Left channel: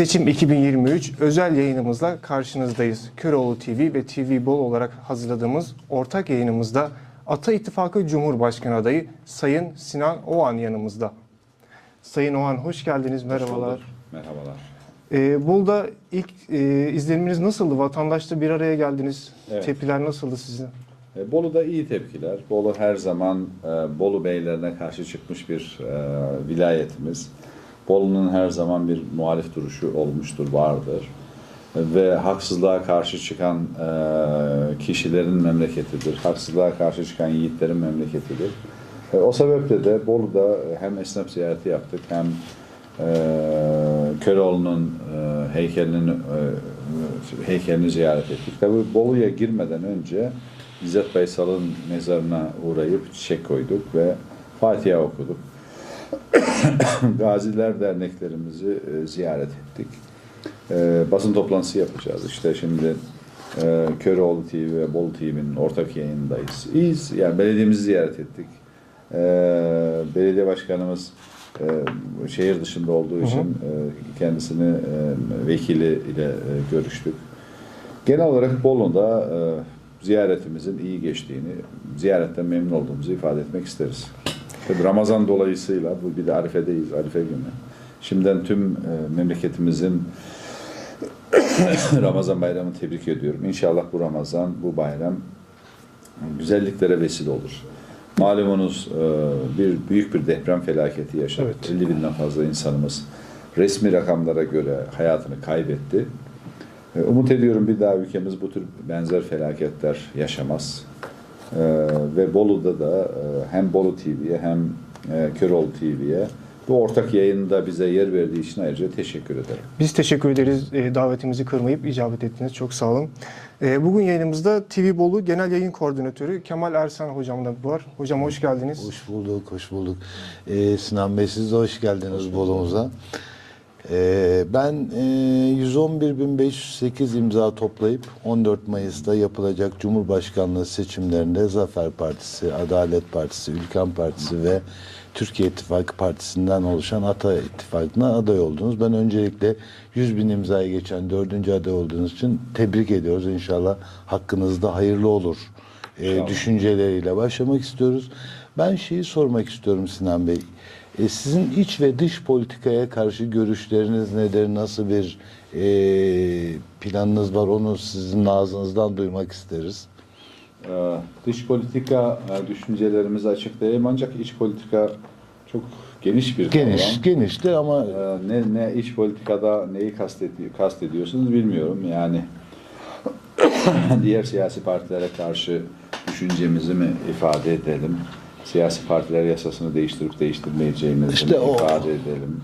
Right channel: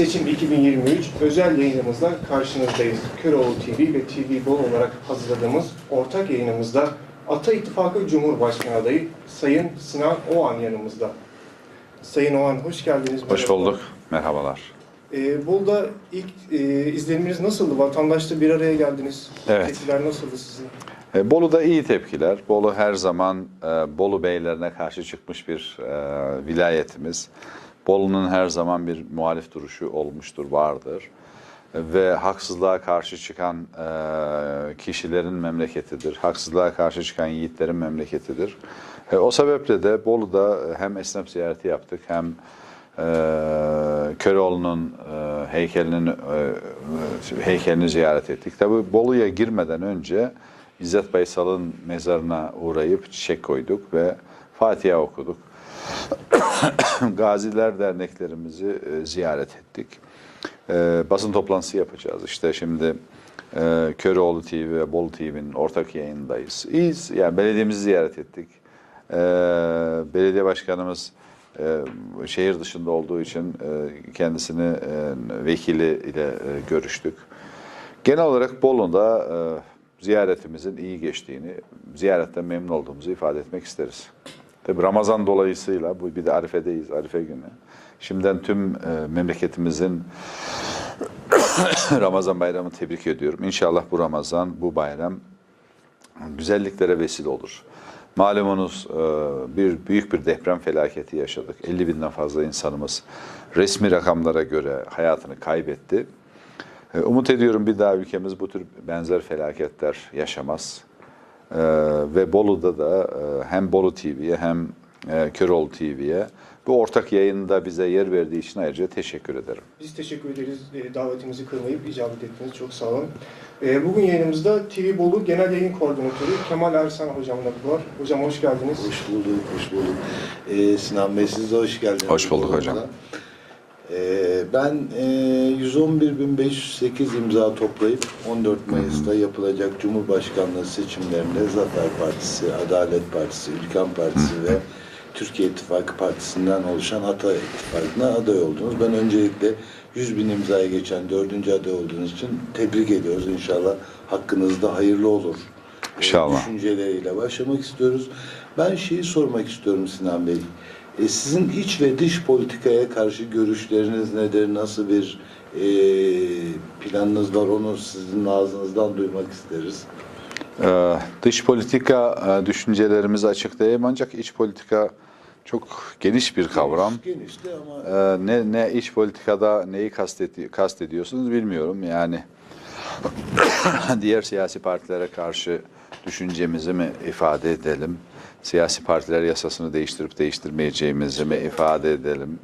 Seçim 2023 özel yayınımızla karşınızdayız. Köroğlu TV ve TV Bol olarak hazırladığımız ortak yayınımızda Ata İttifakı Cumhurbaşkanı adayı Sayın Sinan Oğan yanımızda. Sayın Oğan hoş geldiniz. Hoş merhabalar. bulduk. Merhabalar. Ee, Bolu'da ilk e, izleniminiz nasıldı? Vatandaşla bir araya geldiniz. Evet. Tepkiler nasıldı sizin? E, Bolu'da iyi tepkiler. Bolu her zaman e, Bolu beylerine karşı çıkmış bir e, vilayetimiz. Bolu'nun her zaman bir muhalif duruşu olmuştur, vardır. Ve haksızlığa karşı çıkan e, kişilerin memleketidir. Haksızlığa karşı çıkan yiğitlerin memleketidir. E, o sebeple de Bolu'da hem esnaf ziyareti yaptık hem e, Köroğlu'nun e, heykelinin e, e, heykelini ziyaret ettik. Tabii Bolu'ya girmeden önce İzzet Baysal'ın mezarına uğrayıp çiçek koyduk ve Fatiha okuduk. Gaziler derneklerimizi e, ziyaret ettik. E, basın toplantısı yapacağız. İşte şimdi e, Köroğlu TV ve Bolu TV'nin ortak yayındayız. İyiyiz. Yani belediyemizi ziyaret ettik. E, belediye başkanımız e, şehir dışında olduğu için e, kendisini e, vekili ile e, görüştük. Genel olarak Bolu'da e, ziyaretimizin iyi geçtiğini, ziyaretten memnun olduğumuzu ifade etmek isteriz. Tabii Ramazan dolayısıyla bu bir de Arife'deyiz, Arife günü. Şimdiden tüm e, memleketimizin Ramazan bayramını tebrik ediyorum. İnşallah bu Ramazan, bu bayram güzelliklere vesile olur. Malumunuz e, bir büyük bir deprem felaketi yaşadık. 50 binden fazla insanımız resmi rakamlara göre hayatını kaybetti. E, Umut ediyorum bir daha ülkemiz bu tür benzer felaketler yaşamaz. E, ve Bolu'da da e, hem Bolu TV'ye hem e, Köroğlu TV'ye bu ortak yayında bize yer verdiği için ayrıca teşekkür ederim. Biz teşekkür ederiz e, davetimizi kırmayıp icabet ettiniz. Çok sağ olun. E, bugün yayınımızda TV Bolu Genel Yayın Koordinatörü Kemal Ersan hocamla var. Hocam hoş geldiniz. Hoş bulduk, hoş bulduk. Ee, Sinan Bey siz de hoş geldiniz. Hoş bulduk hocam. Ee, ben e, 111.508 imza toplayıp 14 Mayıs'ta yapılacak Cumhurbaşkanlığı seçimlerinde Zafer Partisi, Adalet Partisi, Ülken Partisi ve Türkiye İttifakı Partisi'nden oluşan Ata İttifakı'na aday oldunuz. Ben öncelikle 100 bin imzaya geçen dördüncü aday olduğunuz için tebrik ediyoruz. İnşallah hakkınızda hayırlı olur. Ee, İnşallah. düşünceleriyle başlamak istiyoruz. Ben şeyi sormak istiyorum Sinan Bey. E, sizin iç ve dış politikaya karşı görüşleriniz nedir? Nasıl bir e, planınız var? Onu sizin ağzınızdan duymak isteriz. Ee, dış politika e, düşüncelerimizi açıklayayım ancak iç politika çok geniş bir kavram. Geniş, genişti ama Ee, ne ne iç politikada neyi kastedi kastediyorsunuz bilmiyorum. Yani diğer siyasi partilere karşı düşüncemizi mi ifade edelim? Siyasi partiler yasasını değiştirip değiştirmeyeceğimizi İşte mi o. ifade edelim?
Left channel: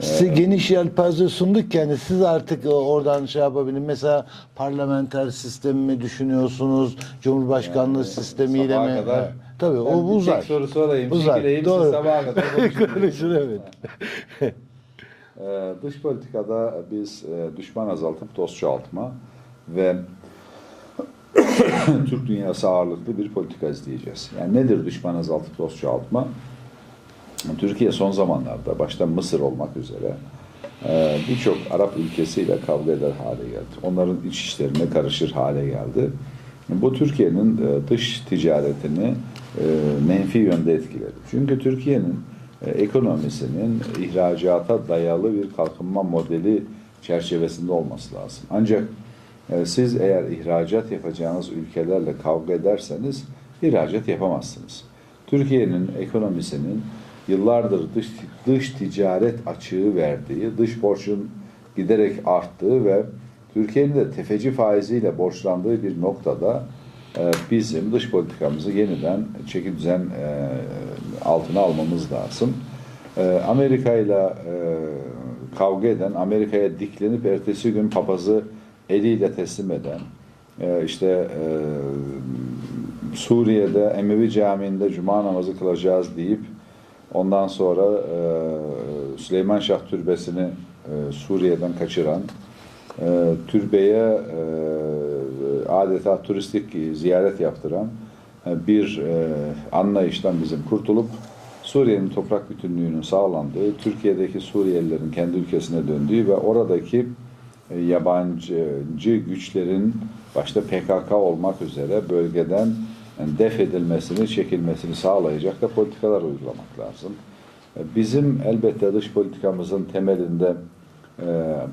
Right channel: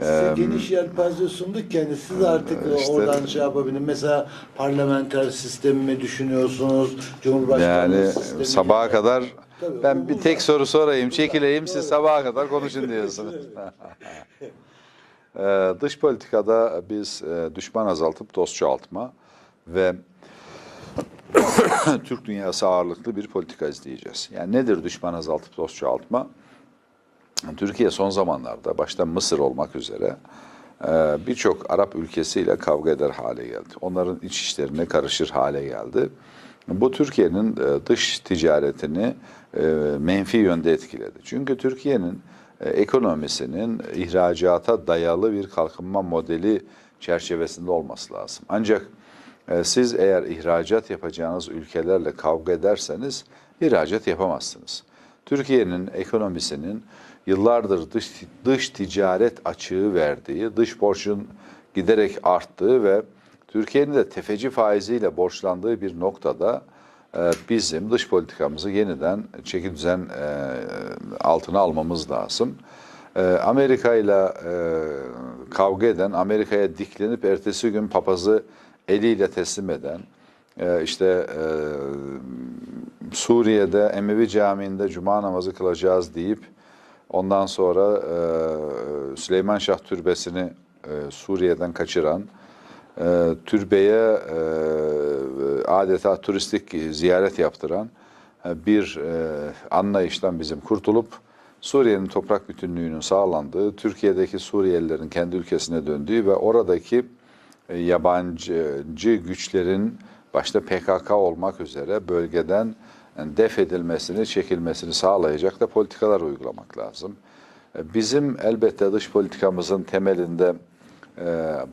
size geniş yelpaze sunduk yani siz artık işte- oradan şey yapabilin. Mesela parlamenter sistemi mi düşünüyorsunuz? Cumhurbaşkanlığı Yani sistemiyle sabaha mi? kadar Tabii, ben o bir uzak. tek soru sorayım, Uzak, çekileyim siz doğru. sabaha kadar konuşun diyorsunuz. Ee, dış politikada biz e, düşman azaltıp dost çoğaltma ve Türk dünyası ağırlıklı bir politika izleyeceğiz. Yani nedir düşman azaltıp dost çoğaltma? Türkiye son zamanlarda başta Mısır olmak üzere e, birçok Arap ülkesiyle kavga eder hale geldi. Onların iç işlerine karışır hale geldi. Bu Türkiye'nin e, dış ticaretini e, menfi yönde etkiledi. Çünkü Türkiye'nin ekonomisinin ihracata dayalı bir kalkınma modeli çerçevesinde olması lazım. Ancak e, siz eğer ihracat yapacağınız ülkelerle kavga ederseniz ihracat yapamazsınız. Türkiye'nin ekonomisinin yıllardır dış, dış ticaret açığı verdiği, dış borcun giderek arttığı ve Türkiye'nin de tefeci faiziyle borçlandığı bir noktada e, bizim dış politikamızı yeniden çeki düzen e, altına almamız lazım. E, Amerika ile kavga eden, Amerika'ya diklenip ertesi gün papazı eliyle teslim eden, e, işte e, Suriye'de Emevi Camii'nde cuma namazı kılacağız deyip ondan sonra e, Süleyman Şah Türbesi'ni Suriye'den kaçıran, türbeye adeta turistik ziyaret yaptıran bir anlayıştan bizim kurtulup Suriye'nin toprak bütünlüğünün sağlandığı, Türkiye'deki Suriyelilerin kendi ülkesine döndüğü ve oradaki yabancı güçlerin başta PKK olmak üzere bölgeden def edilmesini, çekilmesini sağlayacak da politikalar uygulamak lazım. E, Bizim elbette dış politikamızın temelinde e,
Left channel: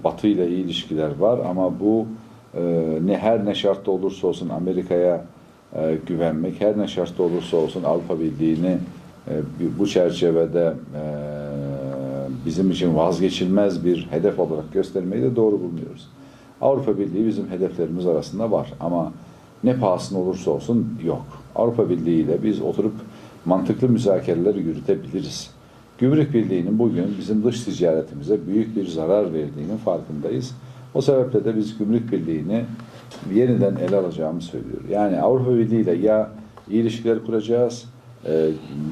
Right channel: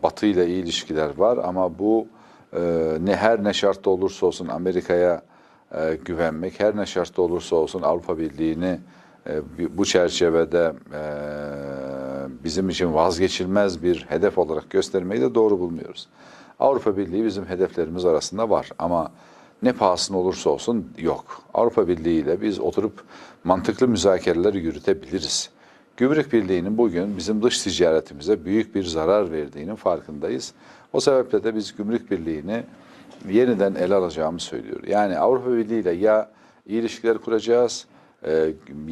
Batı ile iyi ilişkiler var ama bu e, ne her ne şartta olursa olsun Amerika'ya e, güvenmek, her ne şartta olursa olsun Avrupa Birliği'ni e, bu çerçevede e, bizim için vazgeçilmez bir hedef olarak göstermeyi de doğru bulmuyoruz. Avrupa Birliği bizim hedeflerimiz arasında var ama ne pahasına olursa olsun yok. Avrupa Birliği ile biz oturup mantıklı müzakereler yürütebiliriz. Gümrük Birliği'nin bugün bizim dış ticaretimize büyük bir zarar verdiğinin farkındayız. O sebeple de biz Gümrük Birliği'ni yeniden ele alacağımı söylüyor. Yani Avrupa Birliği ile ya ilişkiler kuracağız,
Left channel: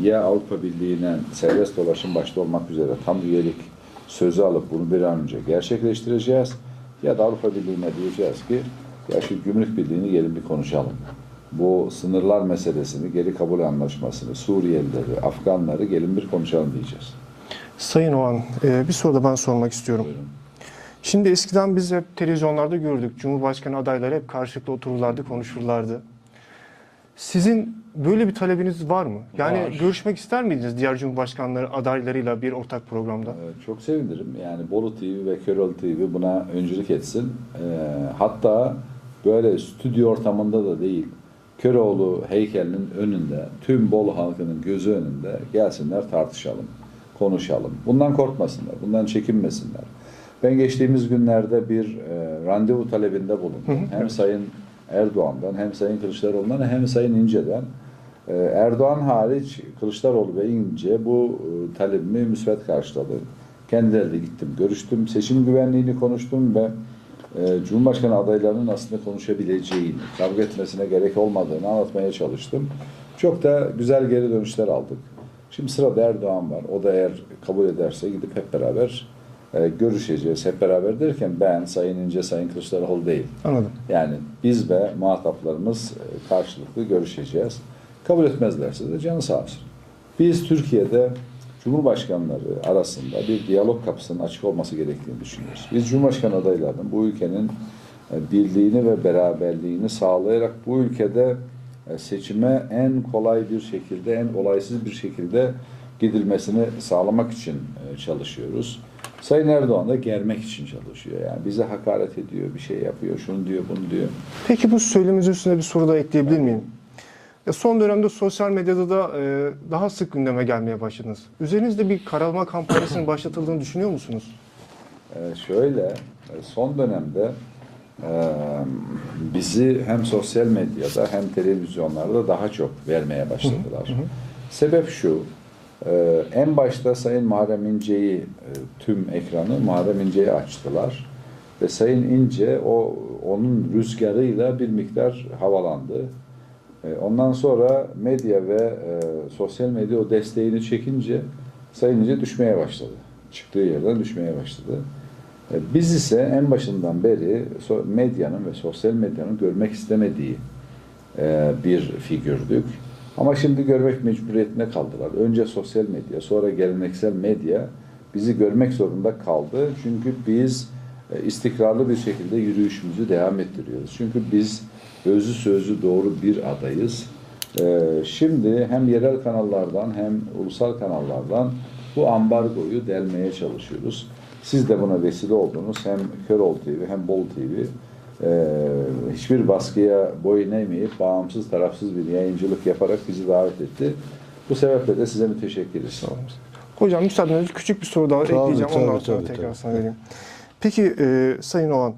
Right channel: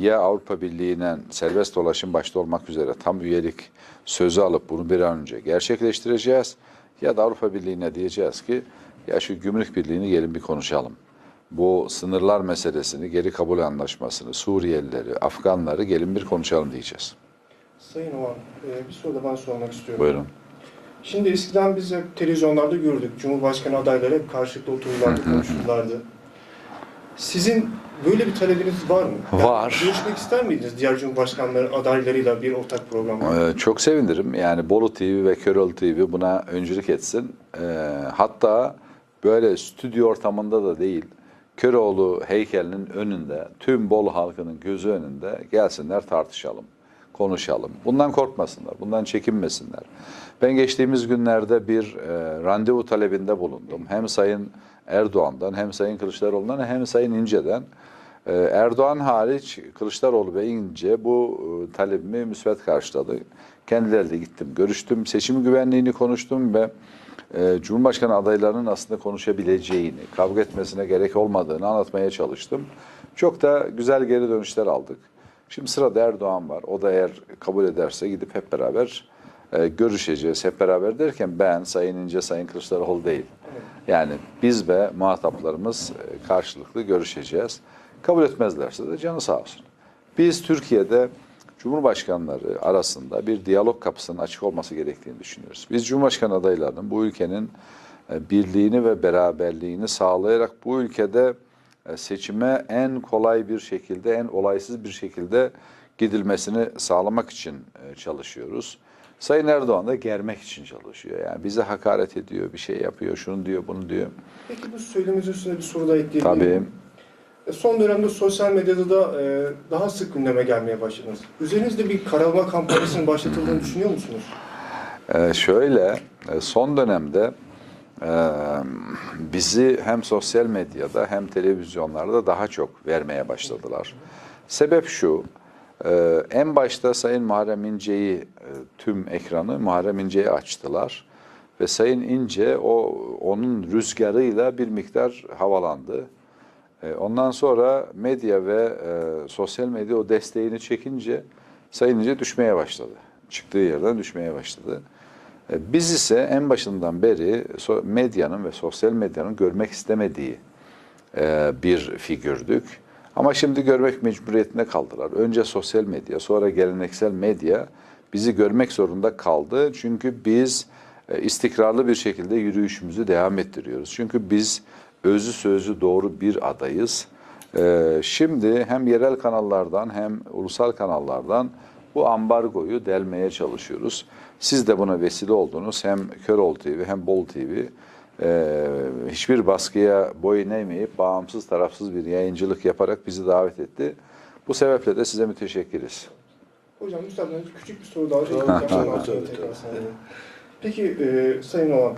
ya Avrupa Birliği'ne serbest dolaşım başta olmak üzere tam üyelik sözü alıp bunu bir an önce gerçekleştireceğiz. Ya da Avrupa Birliği'ne diyeceğiz ki ya şu Gümrük Birliği'ni gelin bir konuşalım. Bu sınırlar meselesini, geri kabul anlaşmasını, Suriyelileri, Afganları gelin bir konuşalım diyeceğiz. Sayın Oğan, e, bir soru da ben sormak istiyorum. Buyurun. Şimdi eskiden biz hep televizyonlarda gördük. Cumhurbaşkanı adayları hep karşılıklı otururlardı, konuşurlardı. Sizin böyle bir talebiniz var mı? Yani Var. görüşmek ister miydiniz diğer Cumhurbaşkanları adaylarıyla bir ortak programda? Ee, çok sevinirim. Yani Bolu TV ve Köroğlu TV buna öncülük etsin. Ee, hatta böyle stüdyo ortamında da değil, Köroğlu heykelinin önünde, tüm Bolu halkının gözü önünde gelsinler tartışalım, konuşalım. Bundan korkmasınlar, bundan çekinmesinler. Ben geçtiğimiz günlerde bir e, randevu talebinde bulundum. Hem Sayın Erdoğan'dan, hem Sayın Kılıçdaroğlu'ndan, hem Sayın İnce'den. Ee, Erdoğan hariç Kılıçdaroğlu ve İnce bu e, talebimi müsbet karşıladı. Kendileriyle gittim, görüştüm, seçim güvenliğini konuştum ve e, Cumhurbaşkanı adaylarının aslında konuşabileceğini, kavga etmesine gerek olmadığını anlatmaya çalıştım. Çok da güzel geri dönüşler aldık. Şimdi sırada Erdoğan var. O da eğer kabul ederse gidip hep beraber e, görüşeceğiz. Hep beraber derken ben, Sayın İnce, Sayın Kılıçdaroğlu değil. Anladım. Yani biz ve muhataplarımız e, karşılıklı görüşeceğiz. Kabul etmezlerse de canı sağ olsun. Biz Türkiye'de Cumhurbaşkanları arasında bir diyalog kapısının açık olması gerektiğini düşünüyoruz. Biz Cumhurbaşkanı adaylarının bu ülkenin e, birliğini ve beraberliğini sağlayarak bu ülkede e, seçime en kolay bir şekilde, en olaysız bir şekilde gidilmesini sağlamak için e, çalışıyoruz. Sayın Erdoğan da germek için çalışıyor. Yani bize hakaret ediyor, bir şey yapıyor, şunu diyor, bunu diyor. Peki bu söyleminiz üstüne bir soru da ekleyebilir Tabii. miyim? Ya Son dönemde sosyal medyada da e, daha sık gündeme gelmeye başladınız. Üzerinizde bir karalama kampanyasının başlatıldığını düşünüyor musunuz? Ee, şöyle, e, son dönemde e, bizi hem sosyal medyada hem televizyonlarda daha çok vermeye başladılar. Sebep şu, e, en başta Sayın Muharrem İnce'yi, e, tüm ekranı Muharrem İnce'ye açtılar. Ve Sayın İnce o onun rüzgarıyla bir miktar havalandı. E, Ondan sonra medya ve e, sosyal medya o desteğini çekince Sayın İnce düşmeye başladı. Çıktığı yerden düşmeye başladı. E, Biz ise en başından beri medyanın ve sosyal medyanın görmek istemediği e, bir figürdük. Ama şimdi görmek mecburiyetine kaldılar. Önce sosyal medya, sonra geleneksel medya bizi görmek zorunda kaldı. Çünkü biz e, istikrarlı bir şekilde yürüyüşümüzü devam ettiriyoruz. Çünkü biz özü sözü doğru bir adayız. E, Şimdi hem yerel kanallardan hem ulusal kanallardan bu ambargoyu delmeye çalışıyoruz. Siz de buna vesile oldunuz. Hem Köroğlu TV hem Bolu TV e, hiçbir baskıya boyun eğmeyip bağımsız tarafsız bir yayıncılık yaparak bizi davet etti. Bu sebeple de size müteşekkiriz. Hocam müsaadenizle küçük bir soru daha Tamam, ekleyeceğim. tabii, Ondan sonra tekrar tabii. Peki e, Sayın Oğan,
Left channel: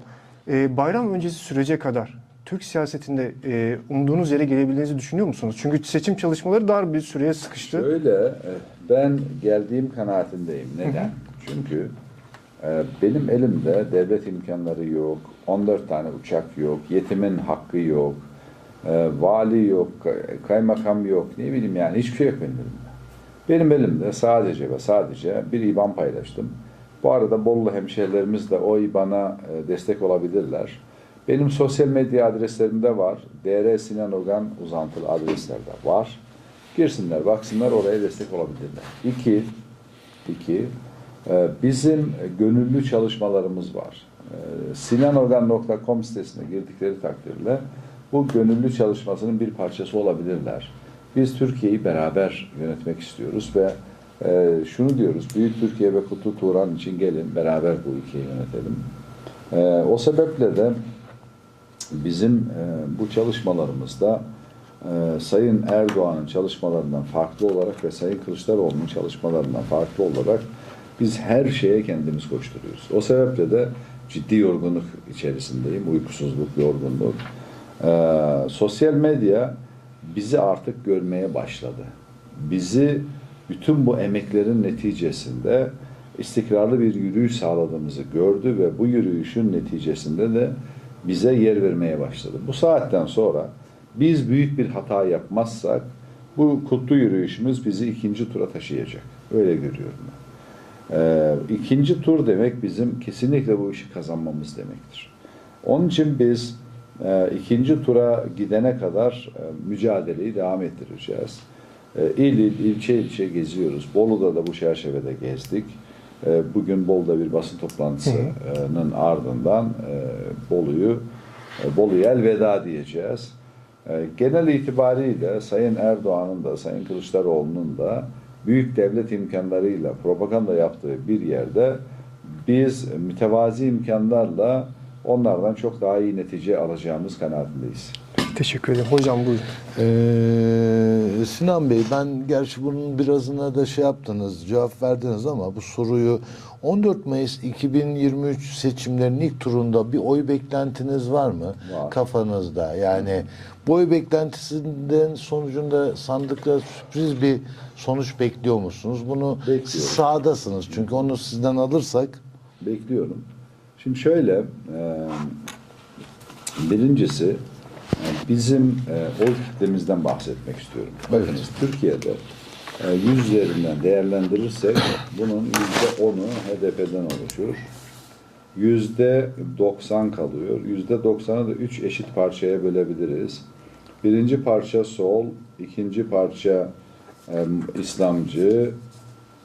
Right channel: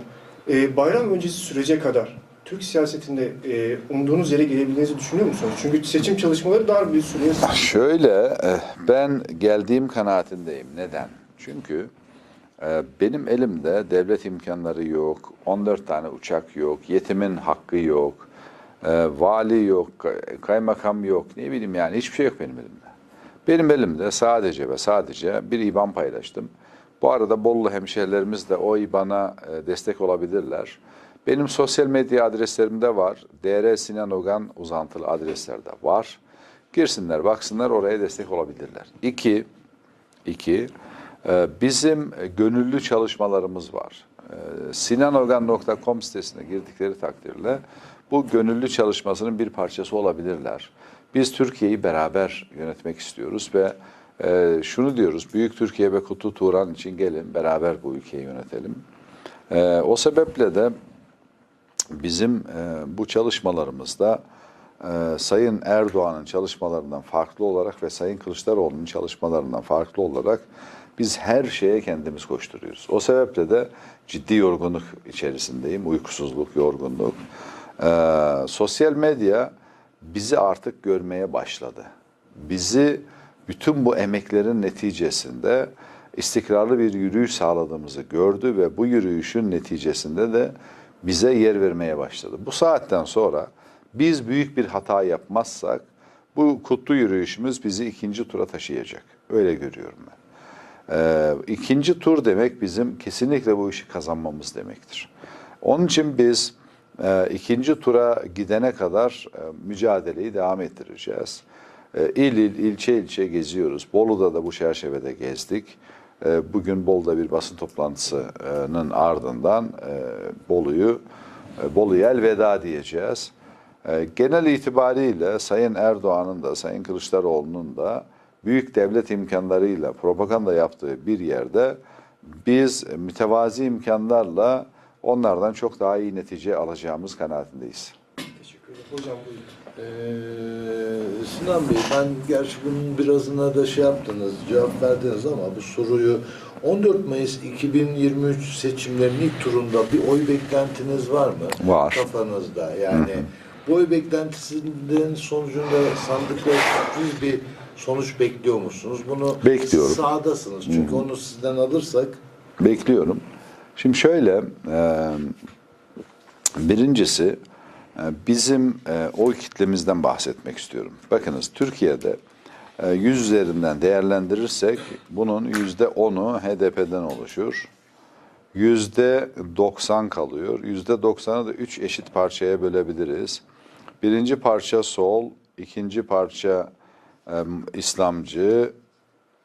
e, bayram öncesi sürece kadar Türk siyasetinde e, umduğunuz yere gelebileceğinizi düşünüyor musunuz? Çünkü seçim çalışmaları dar bir süreye. Şöyle, e, ben geldiğim kanaatindeyim. Neden? Çünkü benim elimde devlet imkanları yok, 14 tane uçak yok, yetimin hakkı yok, e, vali yok, kay- kaymakam yok, ne bileyim yani hiçbir şey yok benim elimde. Benim elimde sadece ve sadece bir IBAN paylaştım. Bu arada Bolu hemşehrilerimiz de o IBAN'a e, destek olabilirler. Benim sosyal medya adreslerimde var. DR Sinan Ogan uzantılı adresler de var. Girsinler, baksınlar oraya destek olabilirler. İki, iki bizim gönüllü çalışmalarımız var. E, sinanorgan.com sitesine girdikleri takdirde bu gönüllü çalışmasının bir parçası olabilirler. Biz Türkiye'yi beraber yönetmek istiyoruz ve e, şunu diyoruz, Büyük Türkiye ve Kutlu Turan için gelin beraber bu ülkeyi yönetelim. E, o sebeple de bizim e, bu çalışmalarımızda e, Sayın Erdoğan'ın çalışmalarından farklı olarak ve Sayın Kılıçdaroğlu'nun çalışmalarından farklı olarak biz her şeye kendimiz koşturuyoruz. O sebeple de ciddi yorgunluk içerisindeyim. Uykusuzluk, yorgunluk. E, sosyal medya bizi artık görmeye başladı. Bizi bütün bu emeklerin neticesinde istikrarlı bir yürüyüş sağladığımızı gördü ve bu yürüyüşün neticesinde de bize yer vermeye başladı. Bu saatten sonra biz büyük bir hata yapmazsak bu kutlu yürüyüşümüz bizi ikinci tura taşıyacak. Öyle görüyorum ben. Ee, ikinci tur demek bizim kesinlikle bu işi kazanmamız demektir. Onun için biz e, ikinci tura gidene kadar e, mücadeleyi devam ettireceğiz. E, il il, ilçe ilçe geziyoruz. Bolu'da da bu çerçevede gezdik. E, bugün Bolu'da bir basın toplantısının ardından e, Bolu'yu e, Bolu'ya elveda diyeceğiz. E, genel itibariyle Sayın Erdoğan'ın da Sayın Kılıçdaroğlu'nun da büyük devlet imkanlarıyla propaganda yaptığı bir yerde biz mütevazi imkanlarla onlardan çok daha iyi netice alacağımız kanaatindeyiz. Teşekkür ederim. Hocam buyurun. Ee, Sinan Bey ben gerçi bunun birazına da şey yaptınız, cevap verdiniz ama bu soruyu 14 Mayıs 2023 seçimlerinin ilk turunda bir oy beklentiniz var mı? Var. Kafanızda yani bu oy beklentisinden sonucunda sandıklar sürpriz bir sonuç bekliyor musunuz? Bunu Bekliyorum. sahadasınız çünkü onu sizden alırsak Bekliyorum. Şimdi şöyle, e, birincisi e, bizim e, oy kitlemizden bahsetmek istiyorum. Bakınız Türkiye'de e, 100 üzerinden değerlendirirsek bunun yüzde onu HDP'den oluşuyor. Yüzde 90 kalıyor. Yüzde 90'ı da üç eşit parçaya bölebiliriz. Birinci parça sol, ikinci parça İslamcı,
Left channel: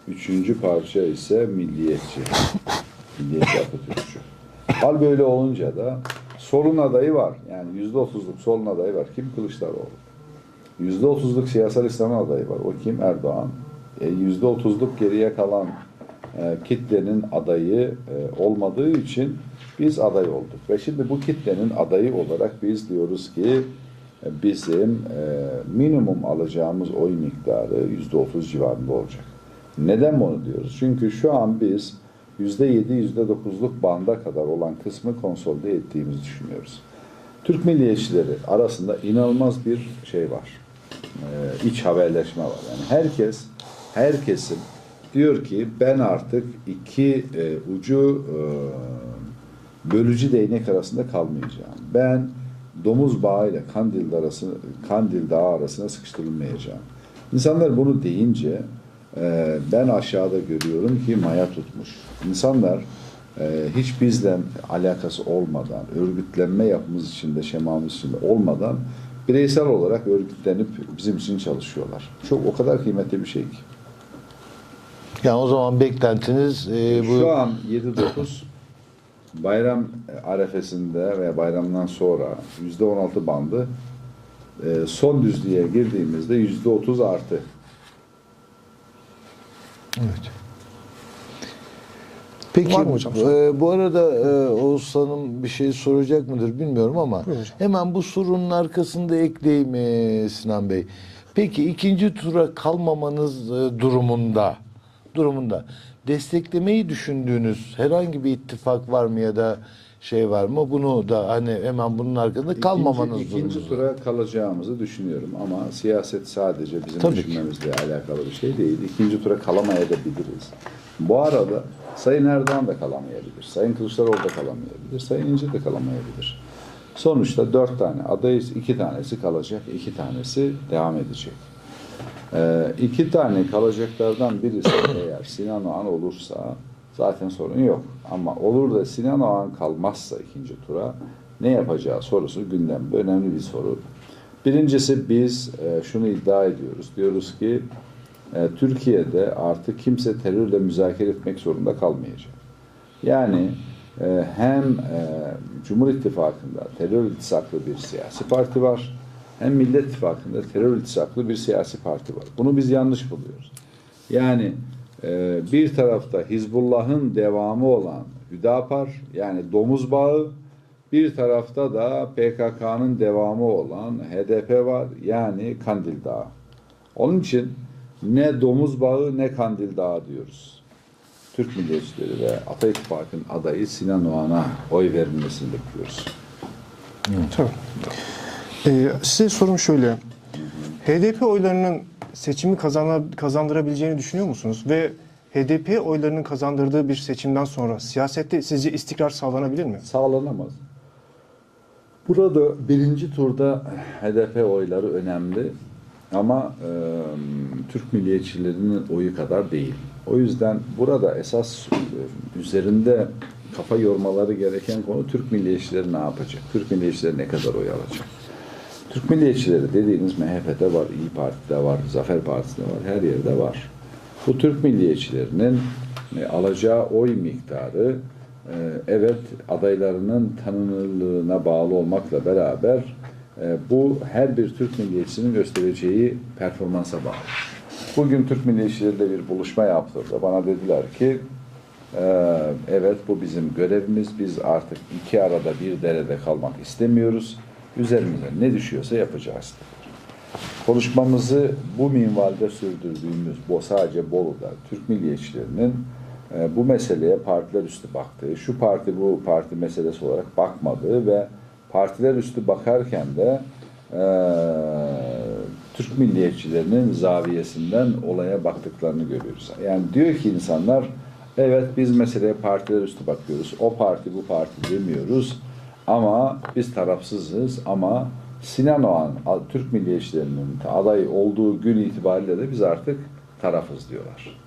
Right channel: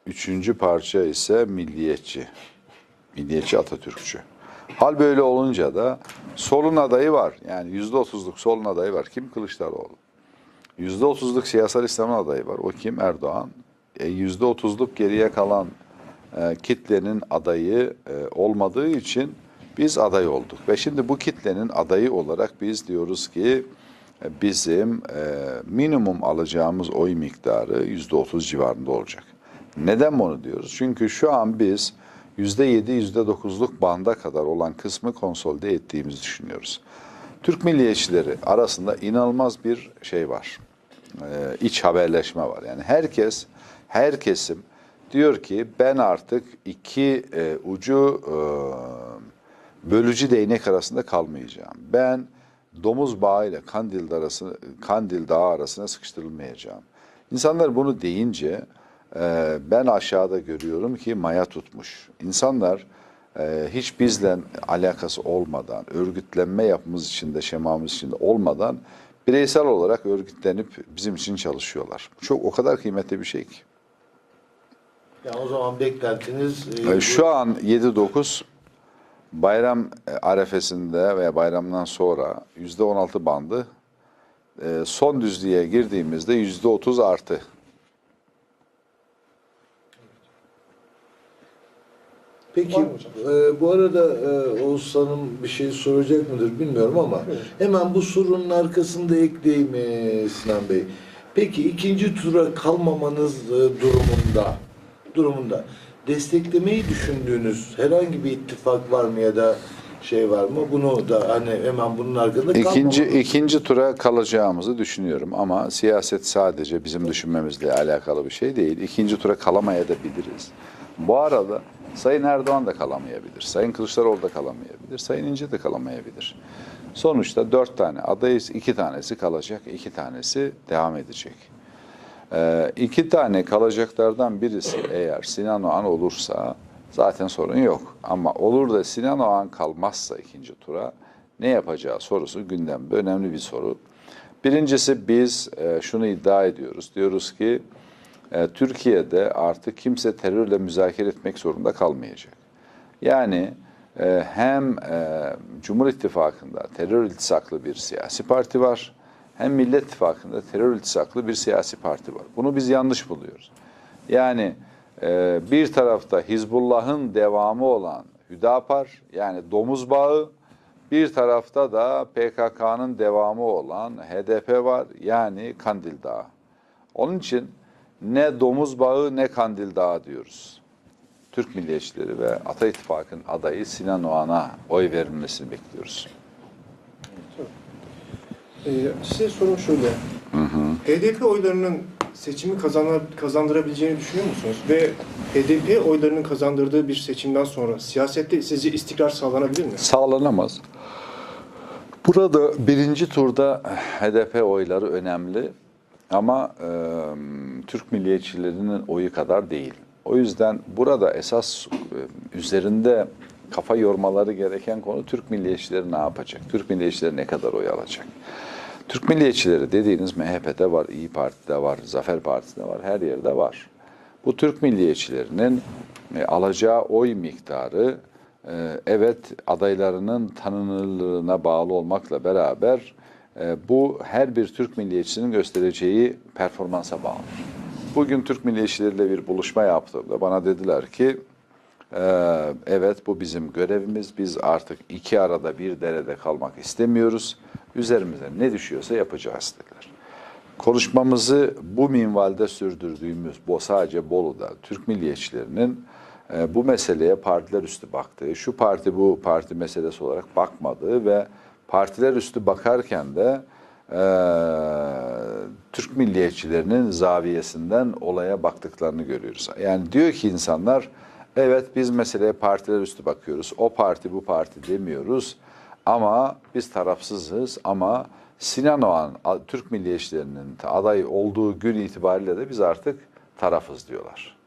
üçüncü parça ise milliyetçi. Milliyetçi Atatürkçü. Hal böyle olunca da solun adayı var. Yani yüzde otuzluk solun adayı var. Kim? Kılıçdaroğlu. Yüzde otuzluk siyasal İslam'ın adayı var. O kim? Erdoğan. E, Yüzde otuzluk geriye kalan e, kitlenin adayı e, olmadığı için biz aday olduk. Ve şimdi bu kitlenin adayı olarak biz diyoruz ki bizim e, minimum alacağımız oy miktarı yüzde otuz civarında olacak. Neden bunu diyoruz? Çünkü şu an biz yüzde yedi, yüzde dokuzluk banda kadar olan kısmı konsolide ettiğimizi düşünüyoruz. Türk milliyetçileri arasında inanılmaz bir şey var. Ee, iç haberleşme var. Yani herkes, herkesin diyor ki ben artık iki e, ucu e, bölücü değnek arasında kalmayacağım. Ben domuz bağıyla Kandil arasını Kandil Dağı arasına sıkıştırılmayacağım. İnsanlar bunu deyince e, ben aşağıda görüyorum ki maya tutmuş. İnsanlar e, hiç bizle alakası olmadan, örgütlenme yapımız içinde, şemamız içinde olmadan bireysel olarak örgütlenip bizim için çalışıyorlar. Çok o kadar kıymetli bir şey ki. yani o zaman beklentiniz e, bu- Şu an 7-9 bayram e, arefesinde ve bayramdan sonra yüzde 16 bandı e, son düzlüğe girdiğimizde yüzde 30 artı. Evet. Peki Var mı hocam? e, bu arada e, Oğuz Hanım bir şey soracak mıdır bilmiyorum ama hemen bu sorunun arkasında ekleyeyim e, Sinan Bey. Peki ikinci tura kalmamanız e, durumunda durumunda desteklemeyi düşündüğünüz herhangi bir ittifak var mı ya da şey var mı? Bunu da hani hemen bunun arkasında. İkinci, ikinci tura kalacağımızı düşünüyorum ama siyaset sadece bizim Tabii ki. düşünmemizle alakalı bir şey değil. İkinci tura kalamayabiliriz. Bu arada Sayın Erdoğan da kalamayabilir, Sayın Kılıçdaroğlu da kalamayabilir, Sayın İnce de kalamayabilir. Sonuçta dört tane adayız, iki tanesi kalacak, iki tanesi devam edecek. Ee, iki tane kalacaklardan birisi eğer Sinan Oğan olursa zaten sorun yok. Ama olur da Sinan Oğan kalmazsa ikinci tura ne yapacağı sorusu gündemde önemli bir soru. Birincisi biz e, şunu iddia ediyoruz. Diyoruz ki e, Türkiye'de artık kimse terörle müzakere etmek zorunda kalmayacak. Yani e, hem e, Cumhur İttifakı'nda terör iltisaklı bir siyasi parti var, hem Millet İttifakı'nda terör iltisaklı bir siyasi parti var. Bunu biz yanlış buluyoruz. Yani e, bir tarafta Hizbullah'ın devamı olan Hüdapar yani domuz bağı, bir tarafta da PKK'nın devamı olan HDP var yani Kandil Dağı. Onun için ne domuz bağı ne Kandil Dağı diyoruz. Türk milliyetçileri ve Ata İttifakı'nın adayı Sinan Oğan'a oy verilmesini bekliyoruz. Tabii. Ee, size sorum şöyle. HDP oylarının seçimi kazandırabileceğini düşünüyor musunuz? Ve HDP oylarının kazandırdığı bir seçimden sonra siyasette sizce istikrar sağlanabilir mi? Sağlanamaz. Burada birinci turda HDP oyları önemli ama e, Türk milliyetçilerinin oyu kadar değil. O yüzden burada esas e, üzerinde kafa yormaları gereken konu Türk milliyetçileri ne yapacak? Türk milliyetçileri ne kadar oy alacak? Türk milliyetçileri dediğiniz MHP'de var, İyi Parti'de var, Zafer Partisi'nde var, her yerde var. Bu Türk milliyetçilerinin e, alacağı oy miktarı e, evet adaylarının tanınırlığına bağlı olmakla beraber e, bu her bir Türk milliyetçisinin göstereceği performansa bağlı. Bugün Türk milliyetçileriyle bir buluşma yaptığımda bana dediler ki evet bu bizim görevimiz. Biz artık iki arada bir derede kalmak istemiyoruz. Üzerimize ne düşüyorsa yapacağız dediler. Konuşmamızı bu minvalde sürdürdüğümüz, bu sadece Bolu'da Türk milliyetçilerinin e, bu meseleye partiler üstü baktığı, şu parti bu parti meselesi olarak bakmadığı ve partiler üstü bakarken de e, Türk milliyetçilerinin zaviyesinden olaya baktıklarını görüyoruz. Yani diyor ki insanlar, evet biz meseleye partiler üstü bakıyoruz, o parti bu parti demiyoruz ama biz tarafsızız ama Sinan Oğan Türk milliyetçilerinin aday olduğu gün itibariyle de biz artık tarafız diyorlar.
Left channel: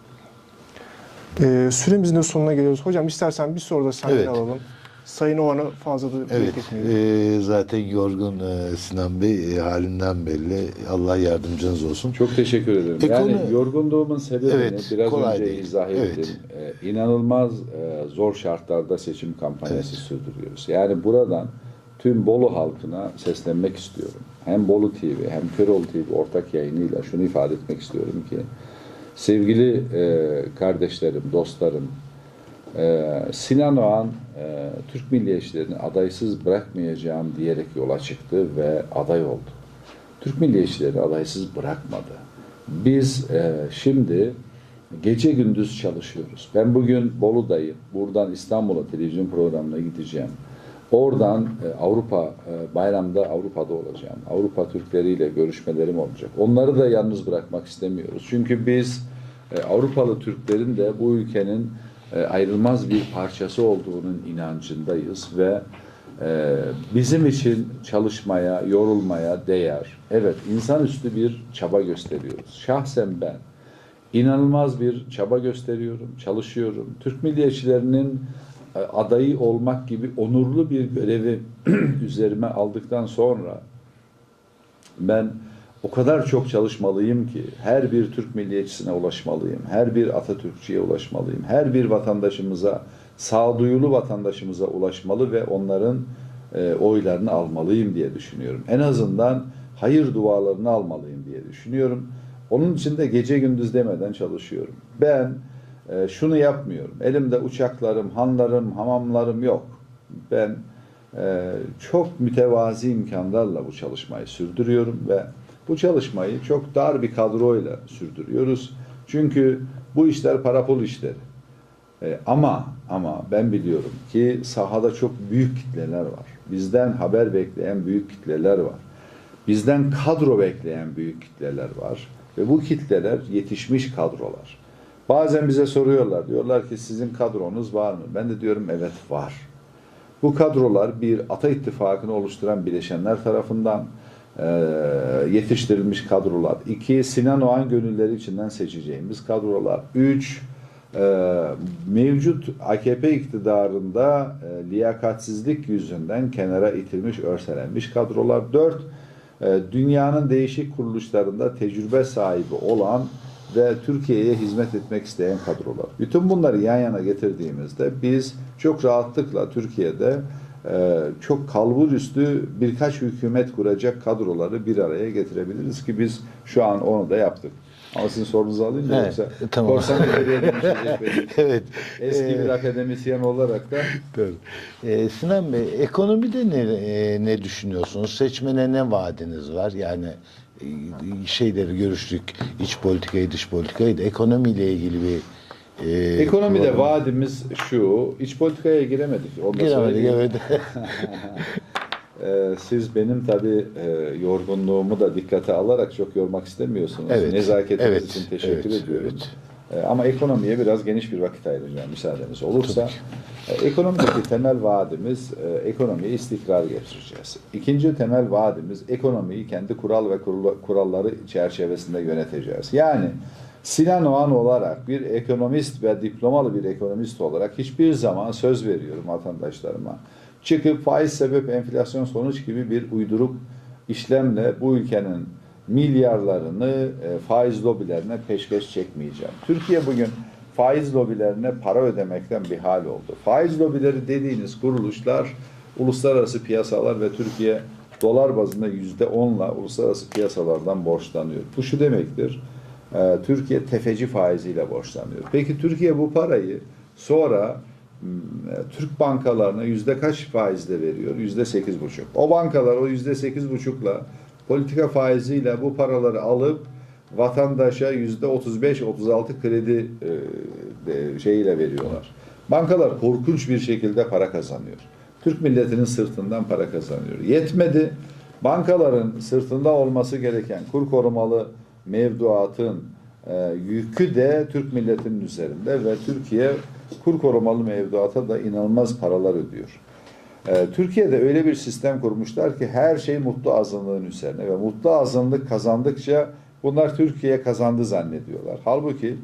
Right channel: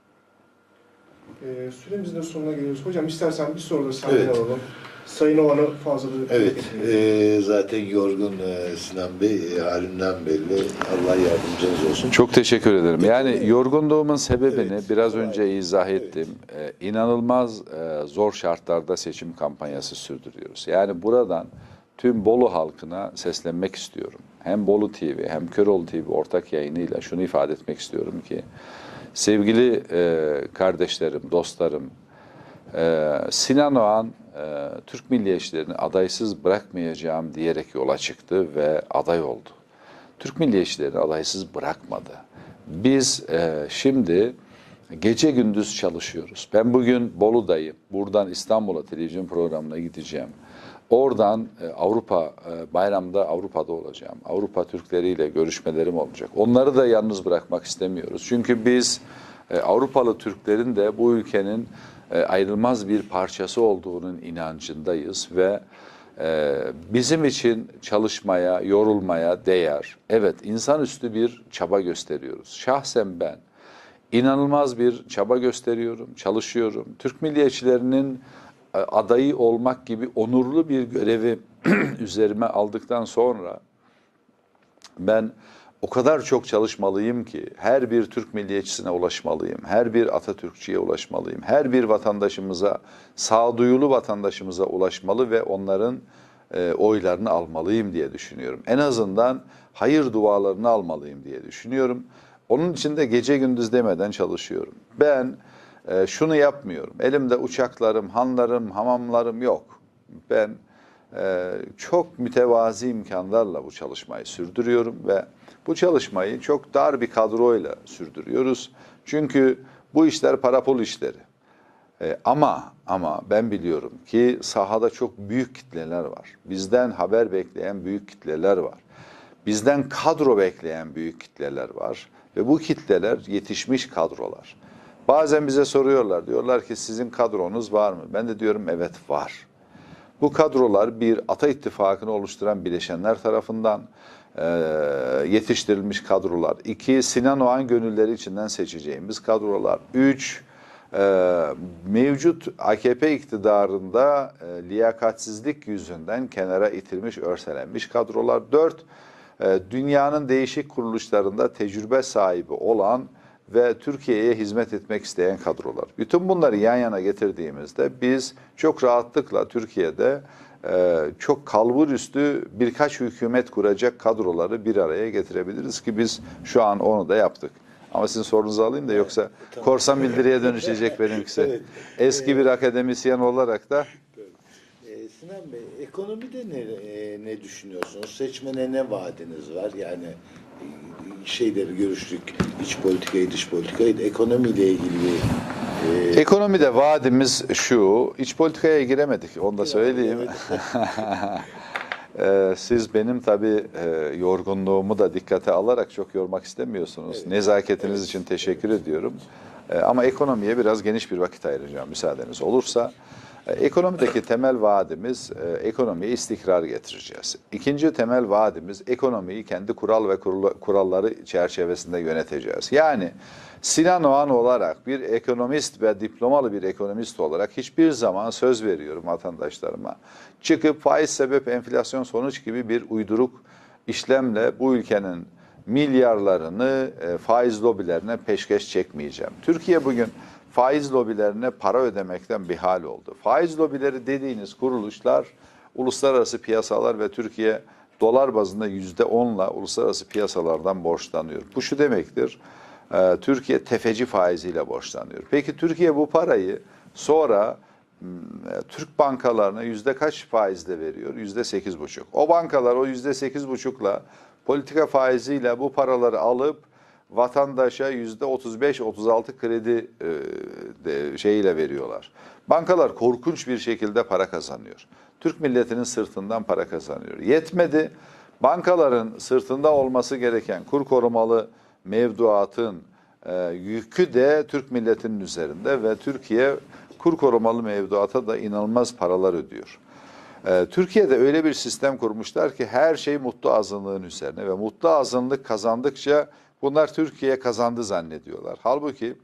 Ee, süremizin de sonuna geliyoruz. Hocam istersen bir soru da senden Evet. alalım. Sayın Oğan'ı fazla da Evet, e, zaten yorgun e, Sinan Bey e, halimden belli. Allah yardımcınız olsun. Çok teşekkür ederim. Yani Ekonomi- yorgunluğumun sebebini Evet, biraz kolay önce değil. izah Evet. ettim. Ee, inanılmaz e, zor şartlarda seçim kampanyası sürdürüyoruz. Yani buradan tüm Bolu halkına seslenmek istiyorum. Hem Bolu TV hem Köroğlu TV ortak yayınıyla şunu ifade etmek istiyorum ki sevgili e, kardeşlerim, dostlarım, ee, Sinan Oğan e, Türk milliyetçilerini adaysız bırakmayacağım diyerek yola çıktı ve aday oldu. Türk milliyetçilerini adaysız bırakmadı. Biz e, şimdi gece gündüz çalışıyoruz. Ben bugün Bolu'dayım. Buradan İstanbul'a televizyon programına gideceğim. Oradan e, Avrupa e, bayramda Avrupa'da olacağım. Avrupa Türkleriyle görüşmelerim olacak. Onları da yalnız bırakmak istemiyoruz. Çünkü biz e, Avrupalı Türklerin de bu ülkenin e, ayrılmaz bir parçası olduğunun inancındayız ve e, bizim için çalışmaya, yorulmaya değer. Evet, insanüstü bir çaba gösteriyoruz. Şahsen ben inanılmaz bir çaba gösteriyorum, çalışıyorum. Türk milliyetçilerinin e, adayı olmak gibi onurlu bir görevi üzerime aldıktan sonra ben o kadar çok çalışmalıyım ki her bir Türk milliyetçisine ulaşmalıyım. Her bir Atatürkçüye ulaşmalıyım. Her bir vatandaşımıza, sağduyulu vatandaşımıza ulaşmalı ve onların e, oylarını almalıyım diye düşünüyorum. En azından hayır dualarını almalıyım diye düşünüyorum. Onun için de gece gündüz demeden çalışıyorum. Ben e, şunu yapmıyorum. Elimde uçaklarım, hanlarım, hamamlarım yok. Ben ee, çok mütevazi imkanlarla bu çalışmayı sürdürüyorum ve bu çalışmayı çok dar bir kadroyla sürdürüyoruz. Çünkü bu işler para pul işleri. Ee, ama ama ben biliyorum ki sahada çok büyük kitleler var. Bizden haber bekleyen büyük kitleler var. Bizden kadro bekleyen büyük kitleler var ve bu kitleler yetişmiş kadrolar. Bazen bize soruyorlar, diyorlar ki sizin kadronuz var mı? Ben de diyorum evet var. Bu kadrolar bir Ata İttifakı'nı oluşturan bileşenler tarafından e, yetiştirilmiş kadrolar. İki, Sinan Oğan gönülleri içinden seçeceğimiz kadrolar. Üç, e, mevcut AKP iktidarında e, liyakatsizlik yüzünden kenara itilmiş, örselenmiş kadrolar. Dört, e, dünyanın değişik kuruluşlarında tecrübe sahibi olan ve Türkiye'ye hizmet etmek isteyen kadrolar. Bütün bunları yan yana getirdiğimizde biz çok rahatlıkla Türkiye'de çok kalbur üstü birkaç hükümet kuracak kadroları bir araya getirebiliriz ki biz şu an onu da yaptık. Ama sizin sorunuzu alayım da Evet, yoksa tamam. korsan bildiriye dönüşecek benimkisi. Evet. Eski bir akademisyen olarak da. Ee, Sinan Bey, ekonomide ne, e, ne düşünüyorsunuz? Seçmene ne vaadiniz var? Yani e, şeyleri görüştük, iç politikayı, dış politikayı da ekonomiyle ilgili bir... e, Ekonomide vaadimiz şu, iç politikaya giremedik, onu da söyleyeyim. evet. Ee, siz benim tabii e, yorgunluğumu da dikkate alarak çok yormak istemiyorsunuz. Evet, Nezaketiniz evet, için teşekkür evet, ediyorum. Ee, ama ekonomiye biraz geniş bir vakit ayıracağım müsaadeniz olursa. Ee, ekonomideki temel vaadimiz e, ekonomiye istikrar getireceğiz. İkinci temel vaadimiz ekonomiyi kendi kural ve kuralları çerçevesinde yöneteceğiz. Yani Sinan Oğan olarak bir ekonomist ve diplomalı bir ekonomist olarak hiçbir zaman söz veriyorum vatandaşlarıma. Çıkıp faiz sebep enflasyon sonuç gibi bir uyduruk işlemle bu ülkenin milyarlarını e, faiz lobilerine peşkeş çekmeyeceğim. Türkiye bugün faiz lobilerine para ödemekten bir hal oldu. Faiz lobileri dediğiniz kuruluşlar uluslararası piyasalar ve Türkiye dolar bazında yüzde onla uluslararası piyasalardan borçlanıyor. Bu şu demektir. e, Türkiye tefeci faiziyle borçlanıyor. Peki Türkiye bu parayı sonra e, Türk bankalarına yüzde kaç faizle veriyor? Yüzde sekiz buçuk. O bankalar o yüzde sekiz buçukla politika faiziyle bu paraları alıp vatandaşa yüzde 35-36 kredi e, de, şeyiyle veriyorlar. Bankalar korkunç bir şekilde para kazanıyor. Türk milletinin sırtından para kazanıyor. Yetmedi. Bankaların sırtında olması gereken kur korumalı mevduatın e, yükü de Türk milletinin üzerinde ve Türkiye kur korumalı mevduata da inanılmaz paralar ödüyor. Ee, Türkiye'de öyle bir sistem kurmuşlar ki her şey mutlu azınlığın üzerine ve mutlu azınlık kazandıkça bunlar Türkiye kazandı zannediyorlar. Halbuki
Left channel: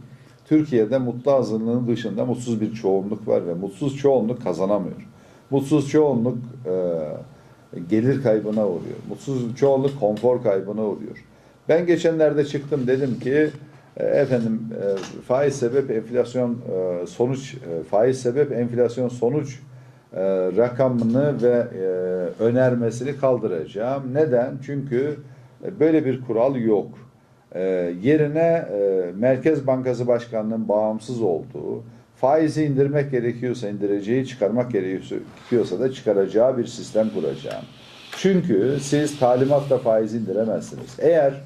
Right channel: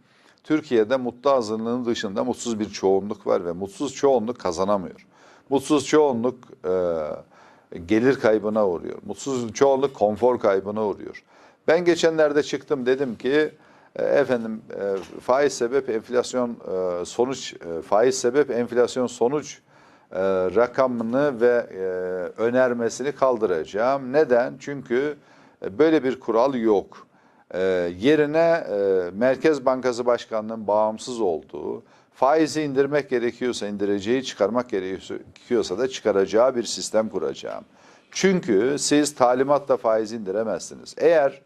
Türkiye'de mutlu azınlığın dışında mutsuz bir çoğunluk var ve mutsuz çoğunluk kazanamıyor. Mutsuz çoğunluk e, gelir kaybına uğruyor. Mutsuz çoğunluk konfor kaybına uğruyor. Ben geçenlerde çıktım dedim ki e, efendim e, faiz sebep enflasyon e, sonuç e, faiz sebep enflasyon sonuç e, rakamını ve e, önermesini kaldıracağım. Neden? Çünkü e, böyle bir kural yok. E, yerine Merkez Bankası Başkanı'nın bağımsız olduğu, faizi indirmek gerekiyorsa indireceği, çıkarmak gerekiyorsa da çıkaracağı bir sistem kuracağım. Çünkü siz talimatla faiz indiremezsiniz. Eğer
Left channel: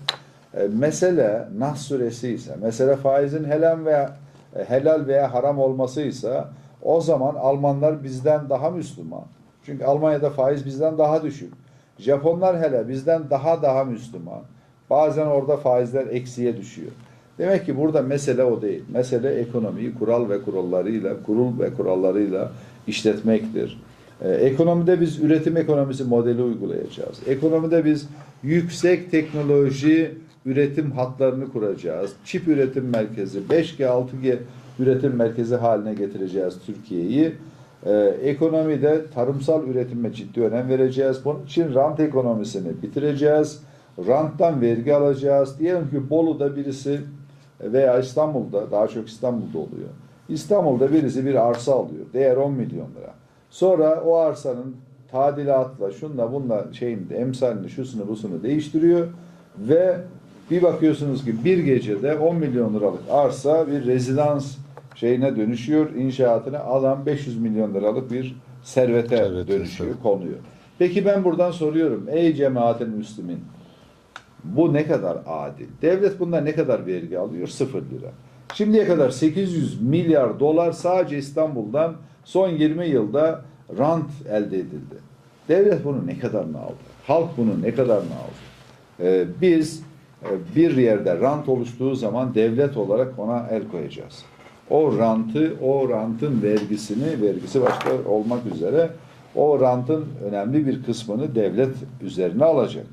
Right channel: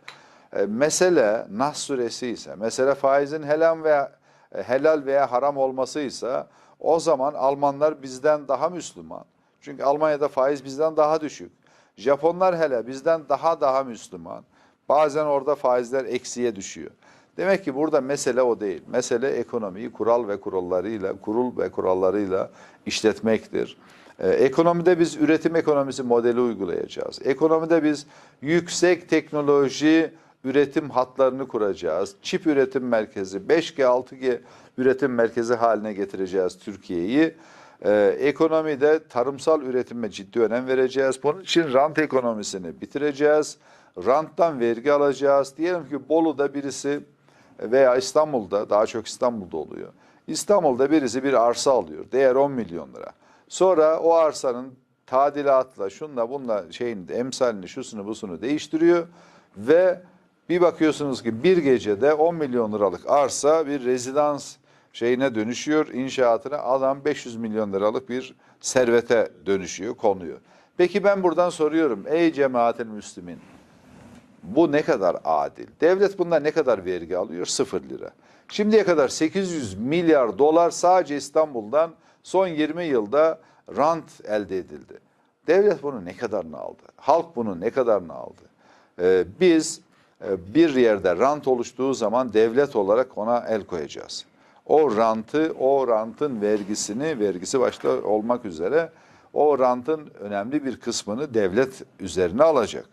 mesele Nas suresi ise, mesele faizin helal veya helal veya haram olmasıysa o zaman Almanlar bizden daha Müslüman. Çünkü Almanya'da faiz bizden daha düşük. Japonlar hele bizden daha daha Müslüman. Bazen orada faizler eksiye düşüyor. Demek ki burada mesele o değil. Mesele ekonomiyi kural ve kurallarıyla, kurul ve kurallarıyla işletmektir. Ee, ekonomide biz üretim ekonomisi modeli uygulayacağız. Ekonomide biz yüksek teknoloji üretim hatlarını kuracağız. Çip üretim merkezi, 5G, 6G üretim merkezi haline getireceğiz Türkiye'yi. Ee, ekonomide tarımsal üretime ciddi önem vereceğiz. Bunun için rant ekonomisini bitireceğiz. Ranttan vergi alacağız. Diyelim ki Bolu'da birisi veya İstanbul'da, daha çok İstanbul'da oluyor. İstanbul'da birisi bir arsa alıyor. Değer 10 milyon lira. Sonra o arsanın tadilatla, şunla bunla şeyin emsalini, şusunu busunu değiştiriyor ve bir bakıyorsunuz ki bir gecede 10 milyon liralık arsa bir rezidans şeyine dönüşüyor, inşaatına adam 500 milyon liralık bir servete Evet, dönüşüyor, konuyor. Peki ben buradan soruyorum, ey cemaatin müslümin, bu ne kadar adil? Devlet bundan ne kadar vergi alıyor? Sıfır lira. Şimdiye kadar 800 milyar dolar sadece İstanbul'dan son 20 yılda rant elde edildi. Devlet bunu ne kadarını aldı? Halk bunu ne kadarını aldı? Ee, biz bir yerde rant oluştuğu zaman devlet olarak ona el koyacağız. O rantı, o rantın vergisini, vergisi başta olmak üzere o rantın önemli bir kısmını devlet üzerine alacak.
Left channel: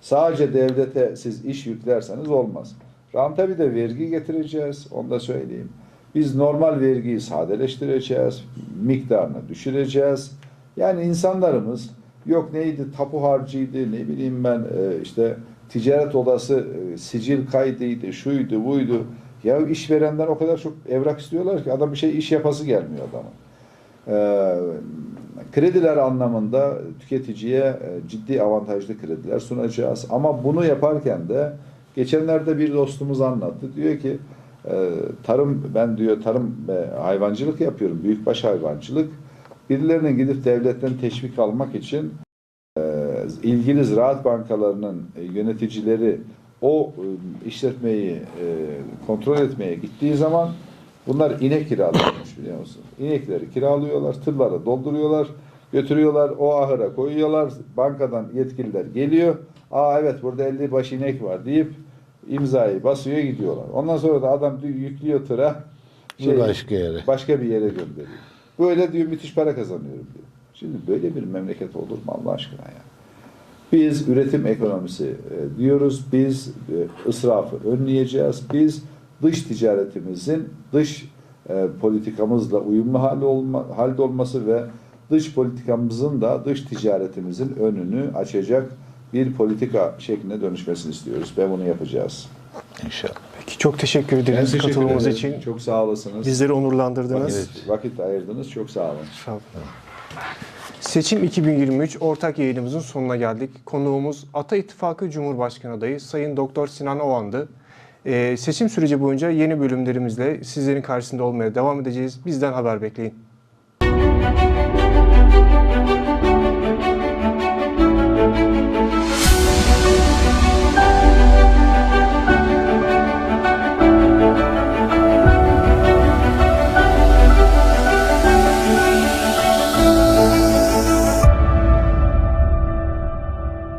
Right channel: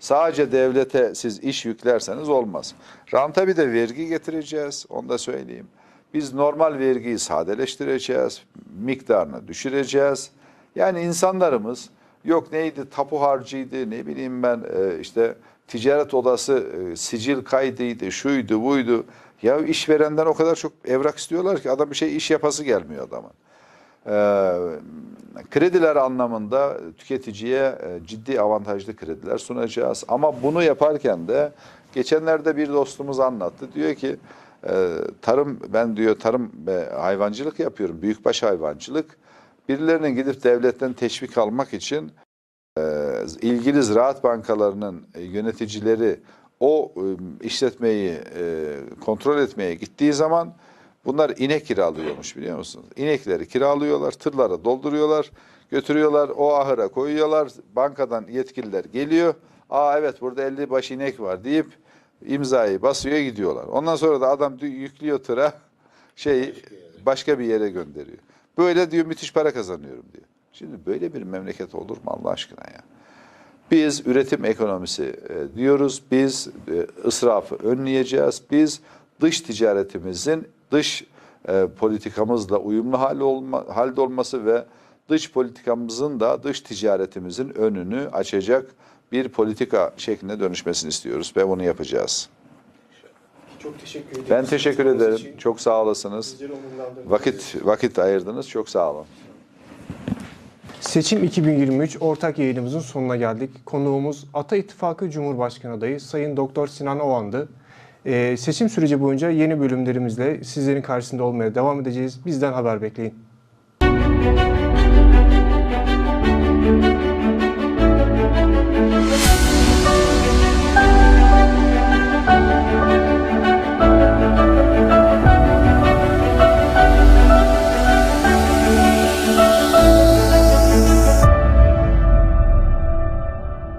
Sadece devlete siz iş yüklerseniz olmaz. Ranta bir de vergi getireceğiz, onu da söyleyeyim. Biz normal vergiyi sadeleştireceğiz, miktarını düşüreceğiz. Yani insanlarımız Yok neydi tapu harcıydı ne bileyim ben e, işte ticaret odası e, sicil kaydıydı şuydu buydu. Ya işverenden o kadar çok evrak istiyorlar ki adam bir şey iş yapası gelmiyor adamın. Ee, krediler anlamında tüketiciye e, ciddi avantajlı krediler sunacağız. Ama bunu yaparken de geçenlerde bir dostumuz anlattı. Diyor ki e, tarım ben diyor tarım hayvancılık yapıyorum. Büyükbaş hayvancılık. Birilerinin gidip devletten teşvik almak için ilgili ziraat bankalarının e, yöneticileri o e, işletmeyi e, kontrol etmeye gittiği zaman bunlar inek kiralıyormuş biliyor musun? İnekleri kiralıyorlar, tırlara dolduruyorlar, götürüyorlar, o ahıra koyuyorlar. Bankadan yetkililer geliyor. Aa evet burada 50 baş inek var deyip imzayı basıyor gidiyorlar. Ondan sonra da adam yüklüyor tıra şey başka yere. başka bir yere gönderiyor. Böyle diyor müthiş para kazanıyorum diyor. Şimdi böyle bir memleket olur mu Allah aşkına ya? Biz üretim ekonomisi e, diyoruz. Biz e, ısrafı önleyeceğiz. Biz dış ticaretimizin dış e, politikamızla uyumlu hali olma, halde olması ve dış politikamızın da dış ticaretimizin önünü açacak bir politika şekline dönüşmesini istiyoruz ve bunu yapacağız. İnşallah. Peki çok teşekkür Ben ederiz teşekkür ederim. için. Çok sağ olasınız. Bizleri onurlandırdınız. Vakit vakit ayırdınız. Çok sağ olun. Sağ olun. Seçim 2023 ortak yayınımızın sonuna geldik. Konuğumuz Ata İttifakı Cumhurbaşkanı adayı Sayın Doktor Sinan Oğan'dı. Ee, seçim süreci boyunca yeni bölümlerimizle sizlerin karşısında olmaya devam edeceğiz. Bizden haber bekleyin.